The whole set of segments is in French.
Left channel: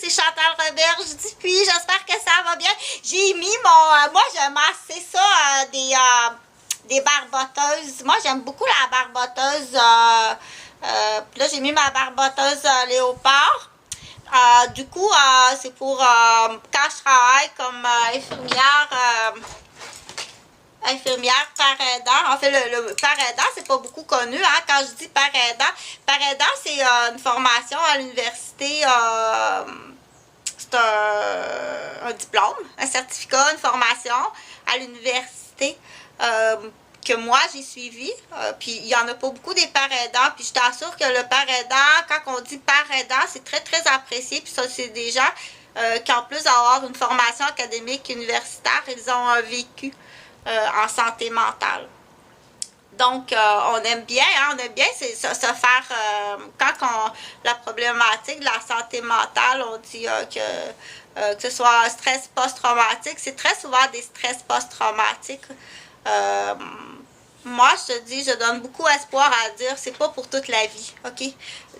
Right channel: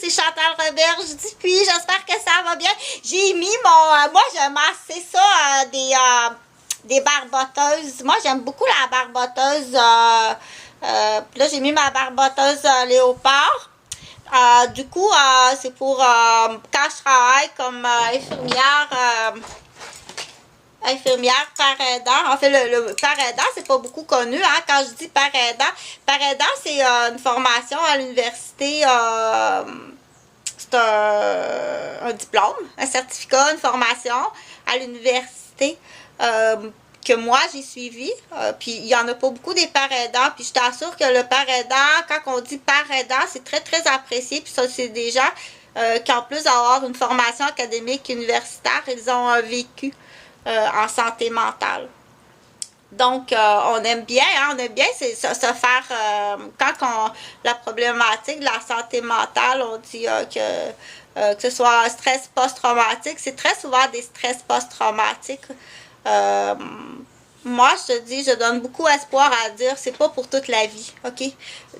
c'est Chantal Roberge Dupuis. J'espère que ça va bien. J'ai mis mon... moi, j'aime assez ça, des barboteuses. Moi, j'aime beaucoup la barboteuse. Puis là, j'ai mis ma barboteuse léopard. Du coup, c'est pour quand je travaille comme infirmière par aidant. En fait, le par aidant, c'est pas beaucoup connu, hein, quand je dis par aidant, c'est une formation à l'université, c'est un diplôme, un certificat, une formation à l'université que moi j'ai suivi. Puis il y en a pas beaucoup des par aidants, puis je t'assure que le par aidant, quand on dit par aidant, c'est très très apprécié, puis ça c'est des gens qui en plus d'avoir une formation académique universitaire, ils ont vécu en santé mentale. Donc, on aime bien, hein, on aime bien se faire, la problématique de la santé mentale, on dit que ce soit un stress post-traumatique, c'est très souvent des stress post-traumatiques. Moi, je te dis, je donne beaucoup espoir à dire, c'est pas pour toute la vie, ok?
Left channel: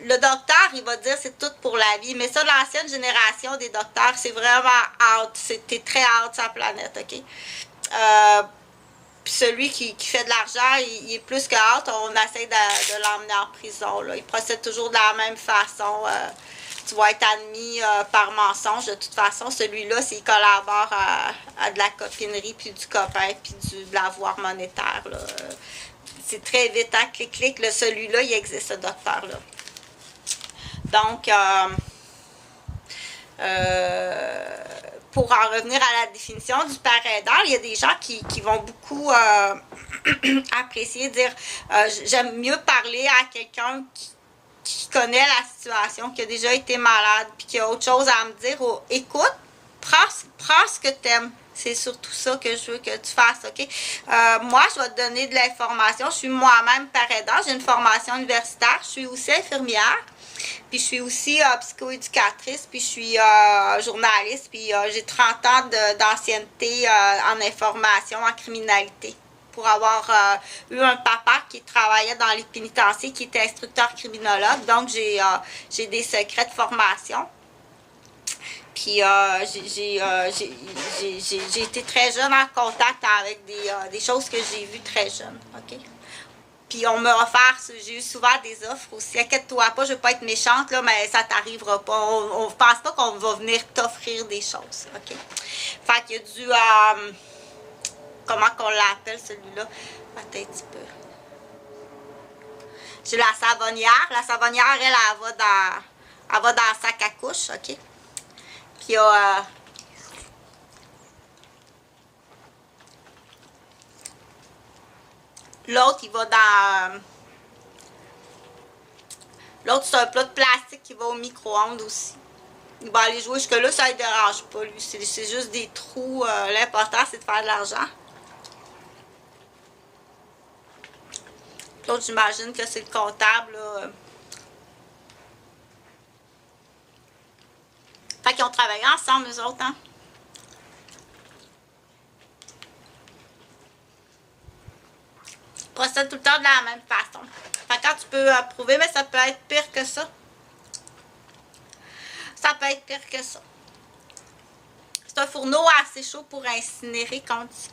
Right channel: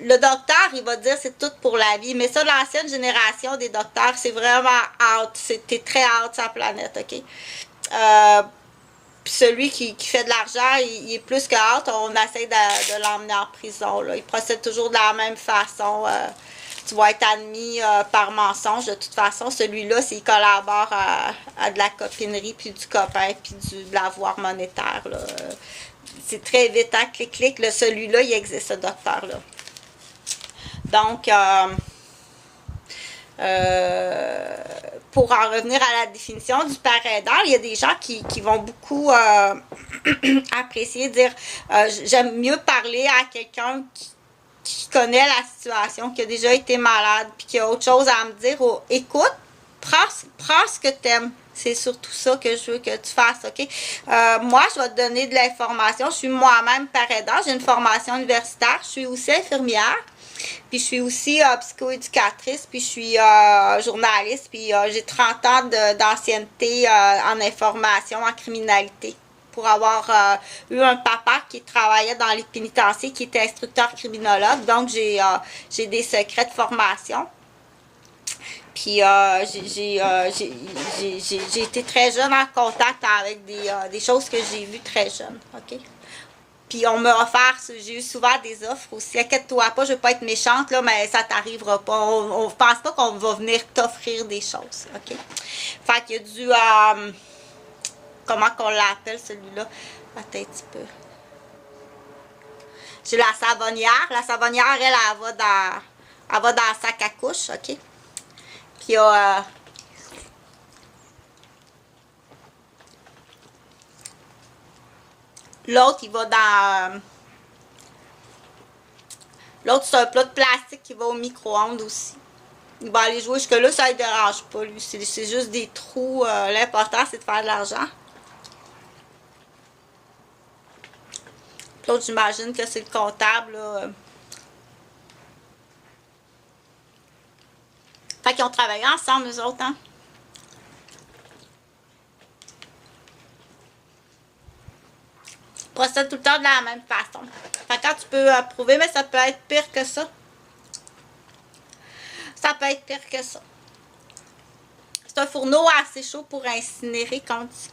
Le docteur, il va dire c'est tout pour la vie, mais ça, l'ancienne génération des docteurs, c'est vraiment out, t'es très out sur la planète, ok? Puis celui qui fait de l'argent, il est plus que out, on essaie de l'emmener en prison, là. Il procède toujours de la même façon. Tu vas être admis par mensonge. De toute façon, celui-là, s'il collabore à de la copinerie, puis du copain, puis de l'avoir monétaire, là. C'est très vite, hein, clic, là, celui-là, il existe, ce docteur-là. Donc, pour en revenir à la définition du par aidant, il y a des gens qui vont beaucoup apprécier, dire j'aime mieux parler à quelqu'un qui connaît la situation, qui a déjà été malade, puis qui a autre chose à me dire. Écoute, prends ce que t'aimes. C'est surtout ça que je veux que tu fasses, ok? Moi, je vais te donner de l'information. Je suis moi-même par aidant. J'ai une formation universitaire. Je suis aussi infirmière. Puis je suis aussi psychoéducatrice, puis je suis journaliste, puis j'ai 30 ans d'ancienneté en information, en criminalité. Pour avoir eu un papa qui travaillait dans les pénitenciers, qui était instructeur criminologue. Donc, j'ai des secrets de formation. Puis, j'ai été très jeune en contact avec des choses que j'ai vues très jeune, ok? Puis on m'a offert, j'ai eu souvent des offres aussi. Inquiète-toi pas, je veux pas être méchante, là, mais ça t'arrivera pas. On pense pas qu'on va venir t'offrir des choses, ok? Fait qu'il y a du... comment qu'on l'appelle, celui-là? Attends un petit peu. J'ai la savonnière. La savonnière, elle va dans le sac à couche, ok? Puis il y a... l'autre, il va dans... l'autre, c'est un plat de plastique qui va au micro-ondes aussi. Il va aller jouer jusque-là, ça ne dérange pas, lui. C'est juste des trous. L'important, c'est de faire de l'argent. L'autre, j'imagine que c'est le comptable, là. Fait qu'ils ont travaillé ensemble, eux autres, hein? Procède tout le temps de la même façon. Fait que quand tu peux prouver, mais ça peut être pire que ça. Ça peut être pire que ça. C'est un fourneau assez chaud pour incinérer, qu'on dit.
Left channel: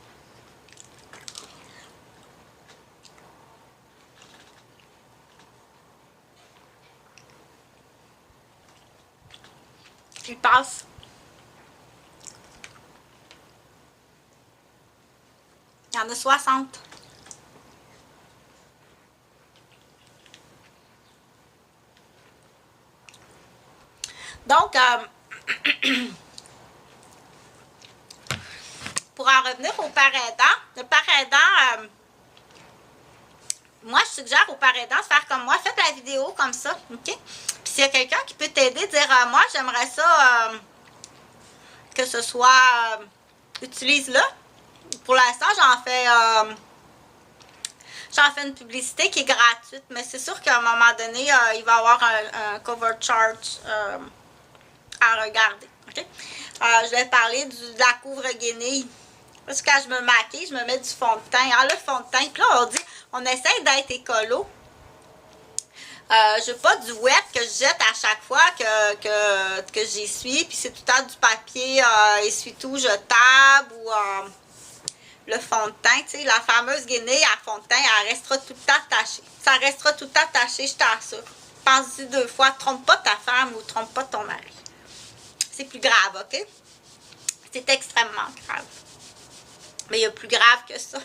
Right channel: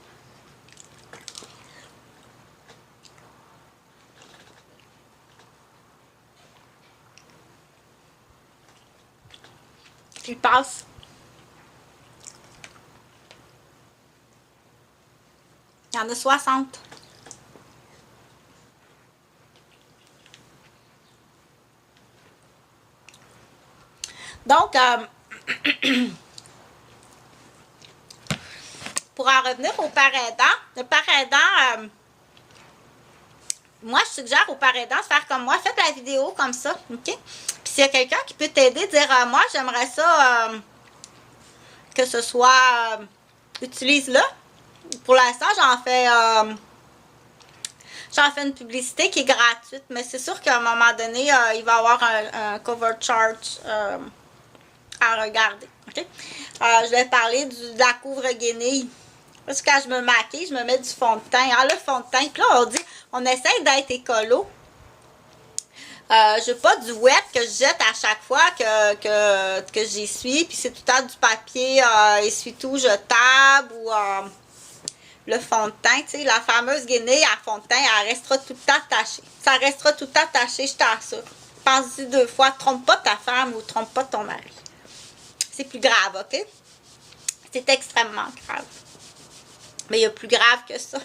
Il passe. Il y en a 60. Donc, pour en revenir au par aidant, le par aidant, moi, je suggère aux par aidants de faire comme moi. Faites la vidéo comme ça, ok? Puis s'il y a quelqu'un qui peut t'aider, dire moi, j'aimerais ça que ce soit... utilise-le. Pour l'instant, j'en fais une publicité qui est gratuite, mais c'est sûr qu'à un moment donné, il va y avoir un cover chart à regarder. Okay? Je vais parler de la couvre-guenille. Parce que quand je me maquille, je me mets du fond de teint. Ah, le fond de teint. Puis là, on essaie d'être écolo. Je veux pas du wet que je jette à chaque fois que j'essuie, puis c'est tout le temps du papier essuie-tout jetable ou le fond de teint, tu sais, la fameuse guenille à fond de teint, elle restera tout le temps tachée. Ça restera tout le temps taché, je t'assure. Pense-y 2 fois, trompe pas ta femme ou trompe pas ton mari. C'est plus grave, OK? C'est extrêmement grave. Mais il y a plus grave que ça.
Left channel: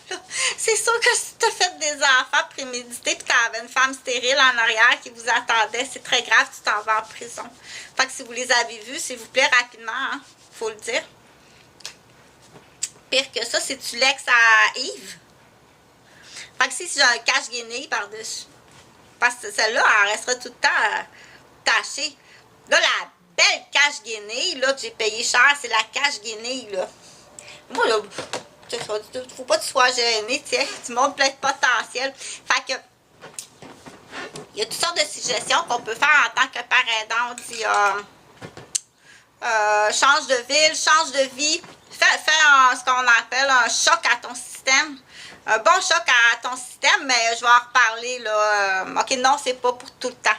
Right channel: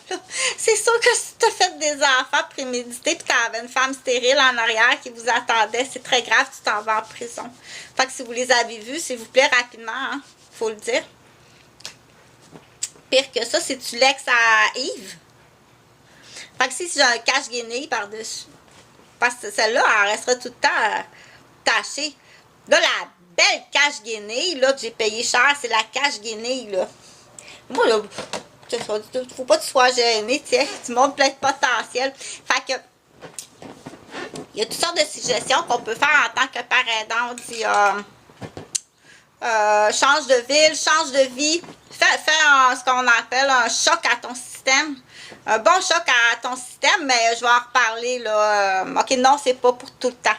C'est sûr que si tu as fait des enfants prémédités et que tu avais une femme stérile en arrière qui vous attendait, c'est très grave, tu t'en vas en prison. Fait que si vous les avez vus, s'il vous plaît, rapidement, hein, faut le dire. Pire que ça, c'est tu l'ex à Yves. Fait que si j'ai un cache-guenille par-dessus, parce que celle-là, elle restera tout le temps tachée. Là, la belle cache-guenille, là, que j'ai payé cher, c'est la cache-guenille, là. Moi, là, faut pas que tu sois gêné, tiens, tu montres plein de potentiel. Fait que, il y a toutes sortes de suggestions qu'on peut faire en tant que parent aidant. On dit, change de ville, change de vie, fais ce qu'on appelle un choc à ton système. Un bon choc à ton système, mais je vais en reparler, là. OK, non, c'est pas pour tout le temps.